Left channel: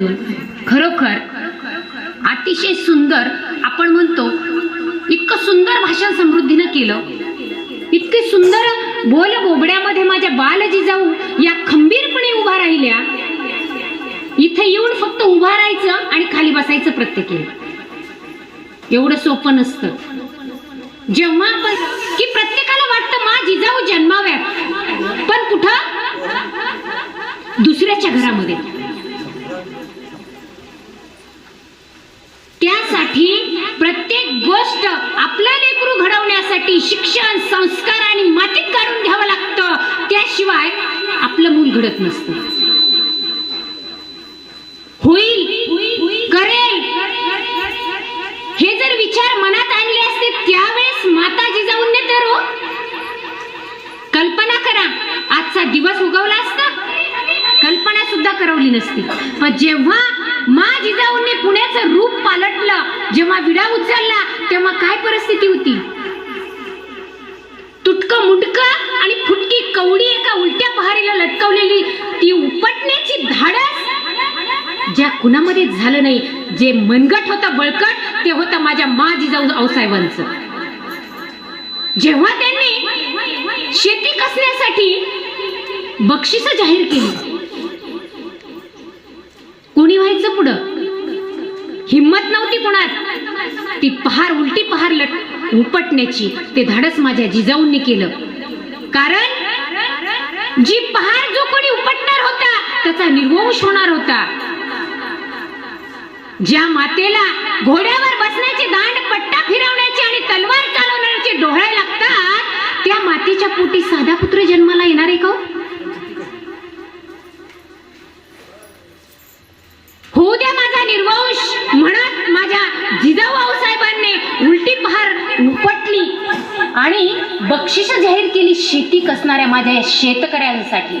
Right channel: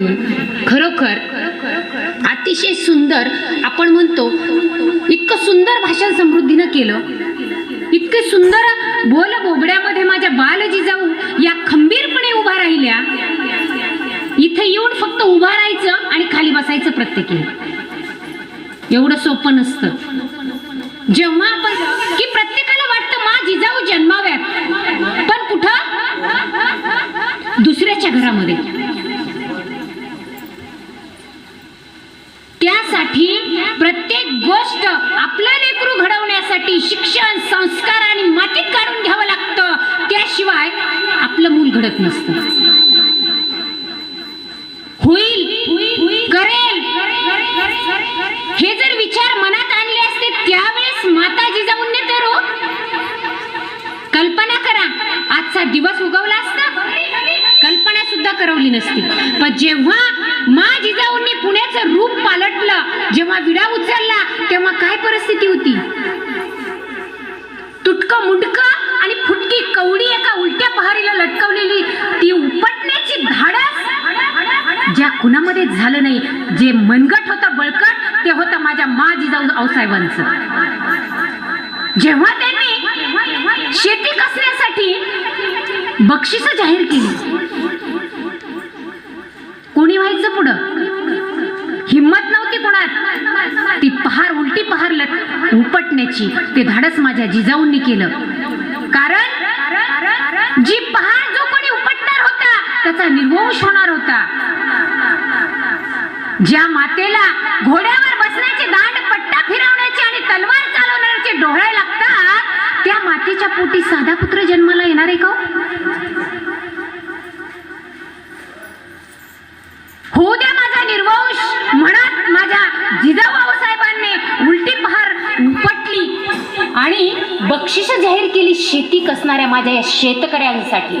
खरोखर अतिशय सुंदर. आपण म्हणतो इतकं सुंदर भाषण समृद्धीनं केलं, इतके सुंदर बोल बोबड्यामध्ये माझ्या बालजिजाऊ या खंबीरपणे उभा राहिल्या. इथे येऊन फक्त उभा राहायचं आणि खाली बसायचं प्रत्येकीने. एवढं सोपं नसतं. जेव्हा आपण की प्रत्येकाला वाटतं मा जिजाऊ जन्माव्यात, पण कुठं? दुसऱ्याच्या घरामध्ये. त्यासाठी प्रत्येक गोष्ट आपलं लेकरू घडवण्यासाठी शिक्षण, संस्कार आणि मातीत काढून घ्यावं लागतं. त्याशिवाय आपलं मूल घडत नसतं. होईल, करेल हे जर विचार मनात आणले असते त्यावेळेस माता जिजाऊंनी तर कल्पना करा आजचा दिवस उगवला असता. कल्पना सुद्धा करवली नसती. पण जेव्हा मा जिजाऊंनी पुण्याचं रूप पालटलं, जेव्हा विडा उचलला, तेव्हा काय परिस्थिती होती? तुटकं मुंडकं आणि फुटकी कवडी एका उलट्या पहारीला लटकवलेली ती उपटण्याची धाडस ज्या कुणामध्ये झालं नाही. जे मनगट होतं बळकट ते होतं माझ्या मा जिजाऊ आऊसाहेबांचं. जेव्हा त्यांनी शेती कसण्यासाठी बक्षीस जाहीर केली, कोणी व्हायचं पुढं? हिम्मत नव्हती कोणात. ती पहार, उलटी पहार उपटण्याची ते धाडस माझ्या जिजाऊंनी केलं. कारण जी पहार जो कोणी उपटणार होता त्याचा निर्वंश होणार होता. ज्या मातेला घोड्यावर बसण्याचे, दांड पट्टा फिरवण्याचे आणि तलवार चालवण्याचे डोळे लागतात, त्या मातेच्या पोटी साधा पुत्र जन्माला येणार आहे का? होऊ द्या माझा निर्वंश म्हणत माझ्या जिजाऊ आऊसाहेबांनी उलटी पहार उपटली आणि बक्षीस जाहीर केली शेती कसणाऱ्या माझ्या या शेतकऱ्यांसाठी.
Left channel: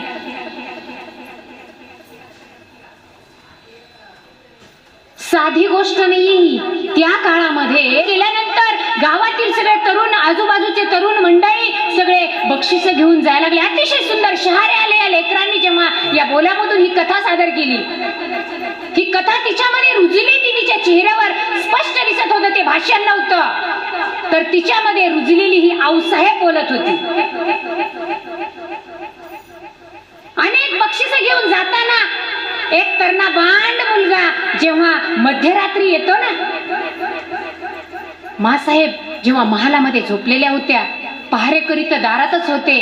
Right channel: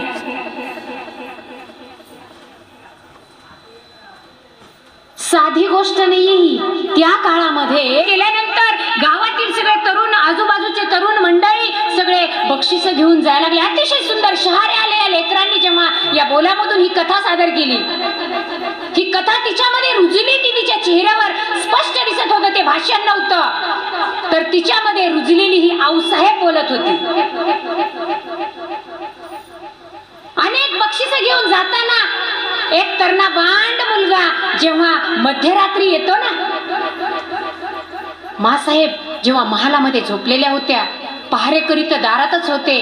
साधी गोष्ट नाहीये ही. त्या काळामध्ये गेल्यानंतर गावातील सगळे तरुण, आजूबाजूचे तरुण मंडळी सगळे बक्षीस घेऊन जायला लागले. अतिशय सुंदर शहारे आले. या लेकरांनी जेव्हा या बोलामधून ही कथा सादर केली, ही कथा तिच्यामध्ये रुजली. तिच्या चेहऱ्यावर स्पष्ट दिसत होतं ते भाषण नव्हतं, तर तिच्यामध्ये रुजलेली ही आऊसाहेब बोलत होती. अनेक बक्षीस घेऊन जाताना एक तरणा बांड मुलगा जेव्हा मध्यरात्री येतो ना, मासाहेब जेव्हा महालामध्ये झोपलेल्या होत्या, पहारेकरी तर दारातच होते.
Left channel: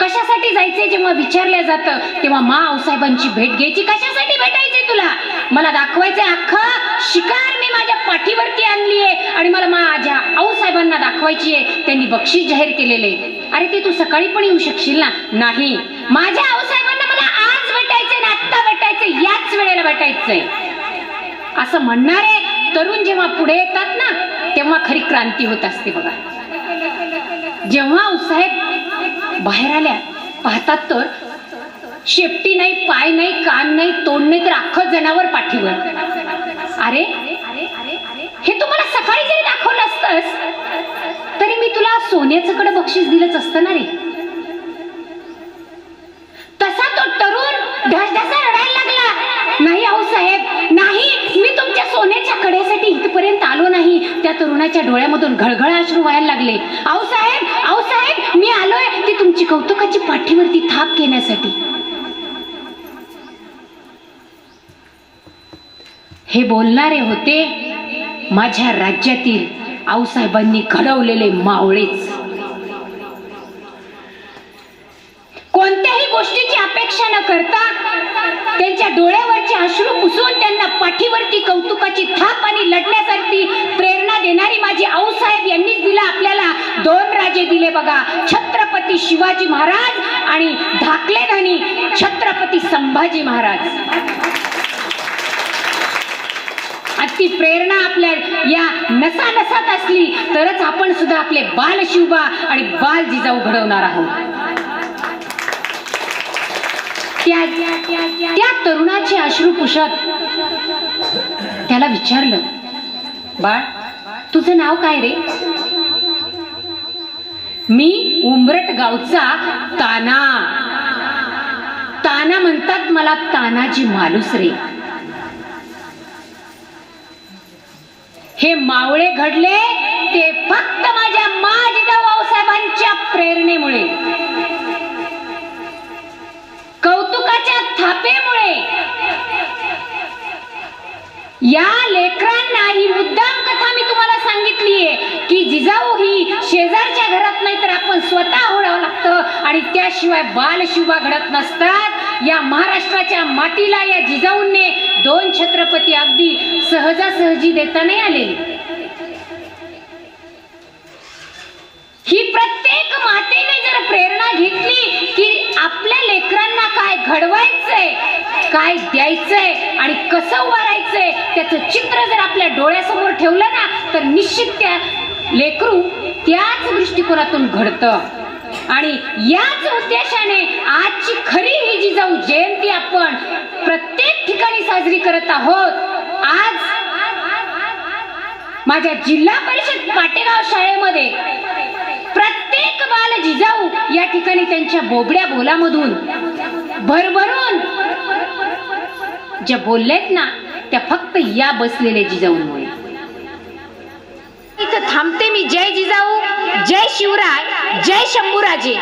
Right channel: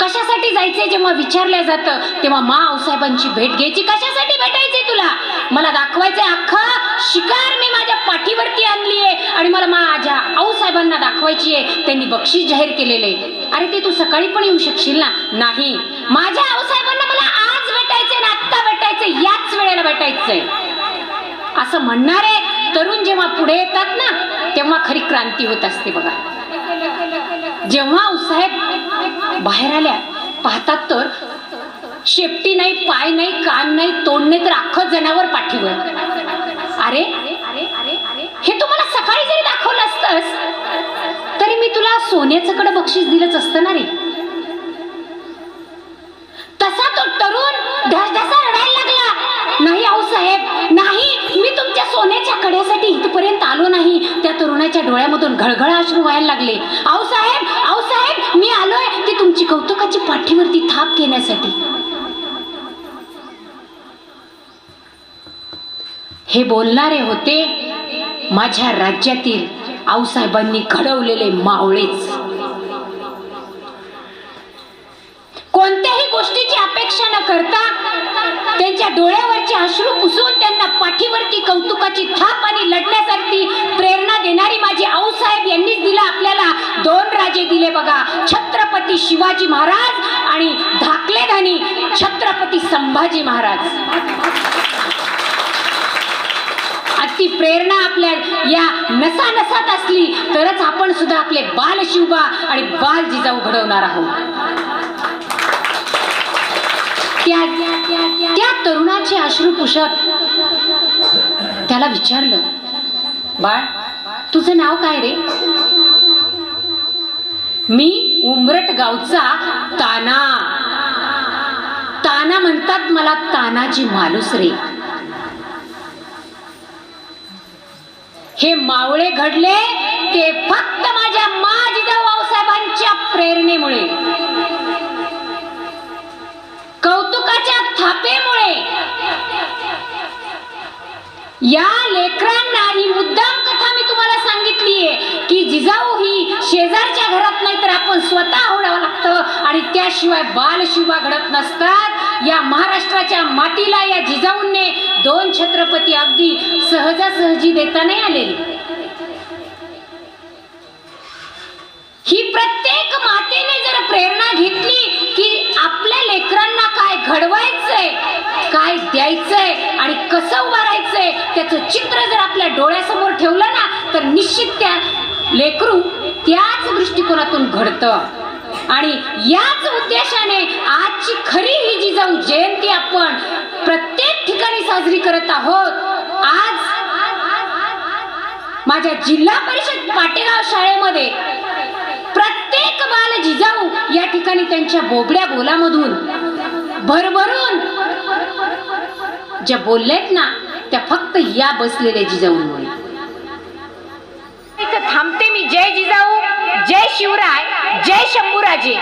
कशासाठी जायचे जेव्हा विचारल्या जातं तेव्हा मा आऊसाहेबांची भेट घ्यायची. कशासाठी भेटायचे तुला? मला दाखवायचंय अख्खं शिकार मी माझ्या पाठीवरती आणली आहे आणि मला माझ्या आऊसाहेबांना दाखवायची आहे. त्यांनी बक्षीस जाहीर केलेले. अरे ते तू सकाळी पण येऊ शकशील ना? नाही, माझ्या आऊसाहेबांना मला आज भेटायचंय ना, आत्ता भेटायचंय, याच वेळेला भेटायचंय. असं म्हणणारे तरुण जेव्हा पुढे येतात ना, तेव्हा खरी क्रांती होत असते बघा. जेव्हा आऊसाहेब बाहेर आल्या, पाहतात तर शेपटी नाही, पाय नाही, कान नाही, तोंड नाही, तर अख्खं जनावर पाठीवर. अरे हे तुम्हाला सकाळी जरी दाखवलं असतंस तरी मी तुला सोन्याचं कडं बक्षीस दिलंच असतं ना रे. तसा तो तरुण ढसढसा रडायला लागला. नाही आऊसाहेब, नाही, मी तुमच्या सोन्याच्या कड्यासाठी इथपर्यंत आलो नाही. त्या तरुणाच्या डोळ्यामधून घळघळ अश्रू व्हायला लागले. आऊसाहेब, आऊसाहेब, मी आलोय ती तुमची कौतुकाची पाठीवरती थाप घेण्यासाठी. हे बोलणारे होते माझ्या राज्यातील आऊसाहेबांनी घडवलेले मावळेच. कोणत्याही गोष्टीची अपेक्षा न करता त्यांच्या डोळ्यावरचे अश्रू पुसून त्यांना पाठीवरती कौतुकाची थाप आणि लढण्यासाठी प्रेरणा देणारी माझी आऊसाहेब यांनीच दिला आपल्याला. 2 राजे दिले बघा, छत्रपती शिवाजी महाराज आणि धाकले धनी छत्रपती संभाजी महाराज. ती प्रेरणा आपल्या या नसा नसात असली तरच आपण सुद्धा आपले बाल शिवबा आणि बाल जिजाऊ घडवणार आहोत. त्या तरुणाचे अश्रू पुसत त्याला विचारलं, बाळ तुझं नाव काय रे? मी उंबरट गावचा ताना. ताना म्हणतात मला तानाजी मालुसरे. हे मावळे घडले ते फक्त माझ्या जिजाऊ आऊसाहेबांच्या प्रेरणेमुळे, कौतुकाच्या थापेमुळे. या लेकरांना ही मुद्दाम कथा मी तुम्हाला सांगितलीये की जिजाऊ ही शेजारच्या घरात नाही तर आपण स्वतः होडावं लागतं आणि त्याशिवाय बालशिवबा घडत नसतात. या महाराष्ट्राच्या मातीला या जिजाऊंनी 2 छत्रपती अगदी सहजासहजी देता नाही आलेली. ही प्रत्येक मातेने जर प्रेरणा घेतली की आपल्या लेकरांना काय घडवायचंय, काय द्यायचंय आणि कसं उभारायचंय त्याचं चित्र जर आपल्या डोळ्यासमोर ठेवलं ना तर निश्चित त्या लेकरू त्याच दृष्टिकोनातून घडतं. आणि याच उद्देशाने आजची खरी ही जिजाऊ जयंती आपण प्रत्येक ठिकाणी साजरी करत आहोत. आज माझ्या जिल्हा परिषद पाटेगाव शाळेमध्ये प्रत्येक बाल जिजाऊ या ठिकाणी त्यांच्या बोबड्या बोलामधून भरभरून ज्या बोललेत ना त्या फक्त या बसलेल्या जिजाऊंमुळे. इथं थांबते मी. जय जिजाऊ, जय शिवराय, जय शंभूराजे.